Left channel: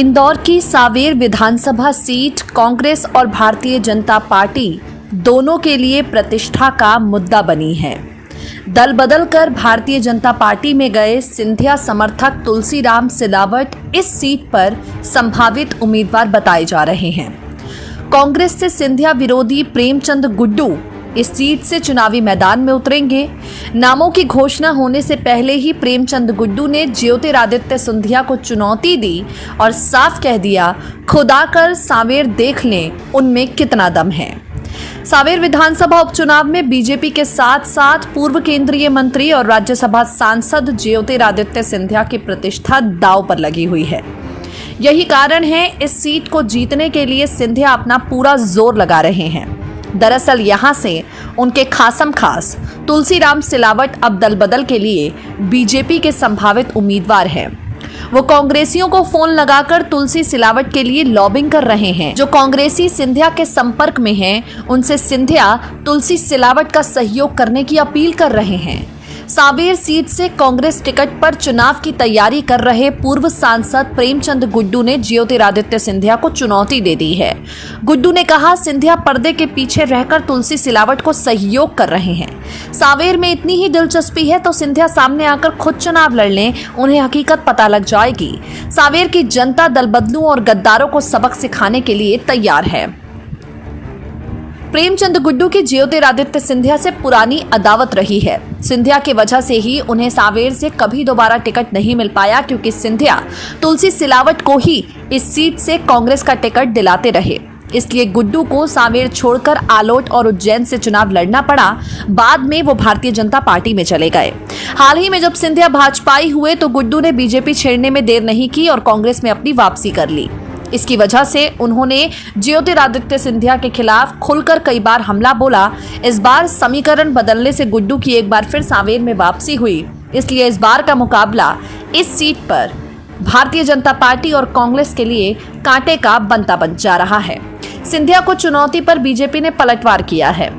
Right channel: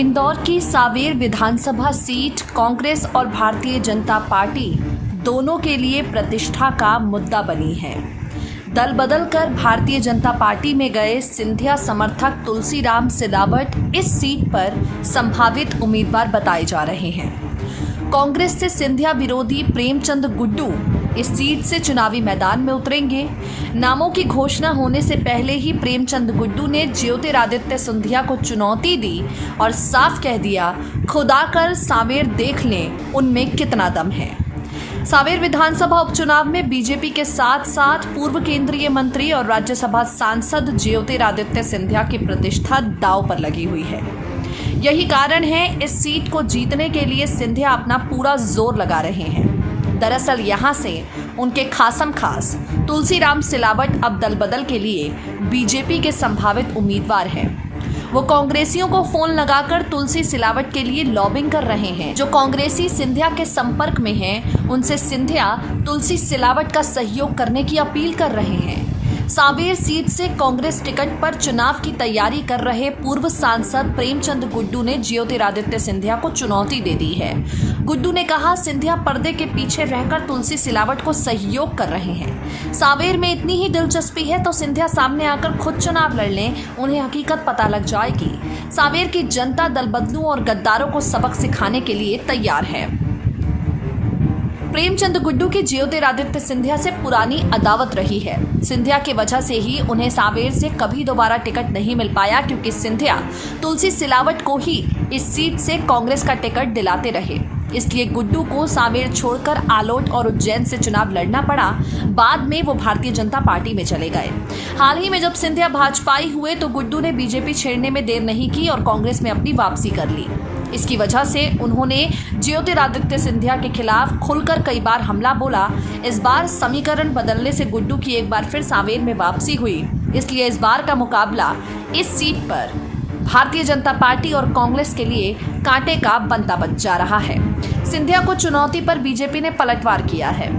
इंदौर की सांवेर विधानसभा सीट कांग्रेस और भारतीय जनता पार्टी दोनों के लिए प्रतिष्ठा का मुद्दा बनी है। दल बदल कर भारतीय जनता पार्टी में गए सिंधिया समर्थक तुलसीराम सिलावट इस सीट पर संभावित उम्मीदवार बताए जा रहे हैं। कांग्रेस से सिंधिया विरोधी प्रेमचंद गुड्डू इस सीट से चुनावी मैदान में उतरेंगे। नामों की घोषणा होने से पहले ही प्रेमचंद गुड्डू ने ज्योतिरादित्य सिंधिया को चुनौती दी और साफ कह दिया, खुदा कर सांवेर देख लें उनमें कितना दम है। सांवेर विधानसभा उपचुनाव में बीजेपी के साथ साथ पूर्व केंद्रीय मंत्री और राज्यसभा सांसद ज्योतिरादित्य सिंधिया की प्रतिष्ठा दांव पर लगी हुई है। यही कारण है इस सीट को जीतने के लिए सिंधिया अपना पूरा जोर लगा रहे हैं। दरअसल यहां से उनके खासम खास तुलसीराम सिलावट अब दल बदल के लिए बीजेपी के संभावित उम्मीदवार हैं। वो कांग्रेसियों को फोन लगाकर तुलसी सिलावट के लिए लॉबिंग कर रहे हैं। जो कांग्रेसी सिंधिया के संपर्क में हैं, उनसे सिंधिया तुलसी सिलावट का सहयोग करने की अपील कर रहे हैं। सांवेर सीट से कांग्रेस टिकट पर चुनाव की तैयारी कर रहे पूर्व सांसद प्रेमचंद गुड्डू ने ज्योतिरादित्य सिंधिया को चुनौती दे दी है। गुड्डू ने कहा, सिंधिया पर्दे के पीछे रहकर तुलसी सिलावट को सहयोग कर रहे हैं। सांवेर में इतनी ही दिलचस्पी है तो सिंधिया सामने आकर खुद चुनाव लड़ लें, उन्हें हकीकत पता लग जाएगी। सांवेर की जनता दल बदलू और गद्दारों को सबक सिखाने के लिए तैयार है। प्रेमचंद गुड्डू की ज्योतिरादित्य सिंधिया से पुरानी अदावत रही है। सिंधिया की वजह से ही उन्हें सांवेर से कभी दोबारा टिकट नहीं मिल पाया, क्योंकि सिंधिया तुलसी सिलावट को ही इस सीट से कांग्रेस का टिकट दिलाते रहे। इसलिए गुड्डू को सांवेर छोड़कर आलोट और उज्जैन से चुनाव लड़ना पड़ा। बाद में वो भारतीय जनता पार्टी में चले गए। हाल ही में जब सिंधिया भाजपाई हुए तो गुड्डू ने बीजेपी छेड़ने में देर नहीं की और कांग्रेस में अपनी वापसी कर ली। इसकी वजह से उन्होंने ज्योतिरादित्य सिंधिया के खिलाफ खुलकर कई बार हमला बोला। इस बार समीकरण बदलने से गुड्डू की एक बार फिर सांवेर में वापसी हुई। इसलिए इस बार का मुकाबला इस सीट पर भारतीय जनता पार्टी और कांग्रेस के लिए कांटे का बनता बन जा रहा है। सिंधिया को चुनौती पर बीजेपी ने पलटवार किया है।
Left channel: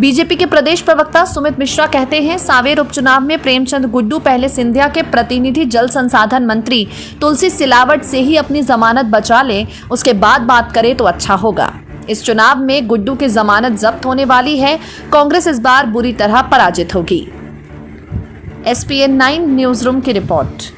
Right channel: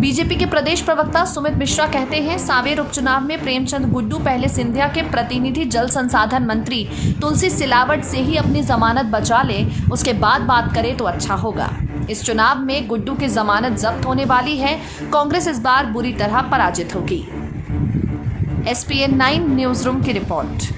बीजेपी के प्रदेश प्रवक्ता सुमित मिश्रा कहते हैं, सांवेर उपचुनाव में प्रेमचंद गुड्डू पहले सिंधिया के प्रतिनिधि जल संसाधन मंत्री तुलसी सिलावट से ही अपनी जमानत बचा ले, उसके बाद बात करे तो अच्छा होगा। इस चुनाव में गुड्डू की जमानत जब्त होने वाली है। कांग्रेस इस बार बुरी तरह पराजित होगी। SPN 9 न्यूज रूम की रिपोर्ट।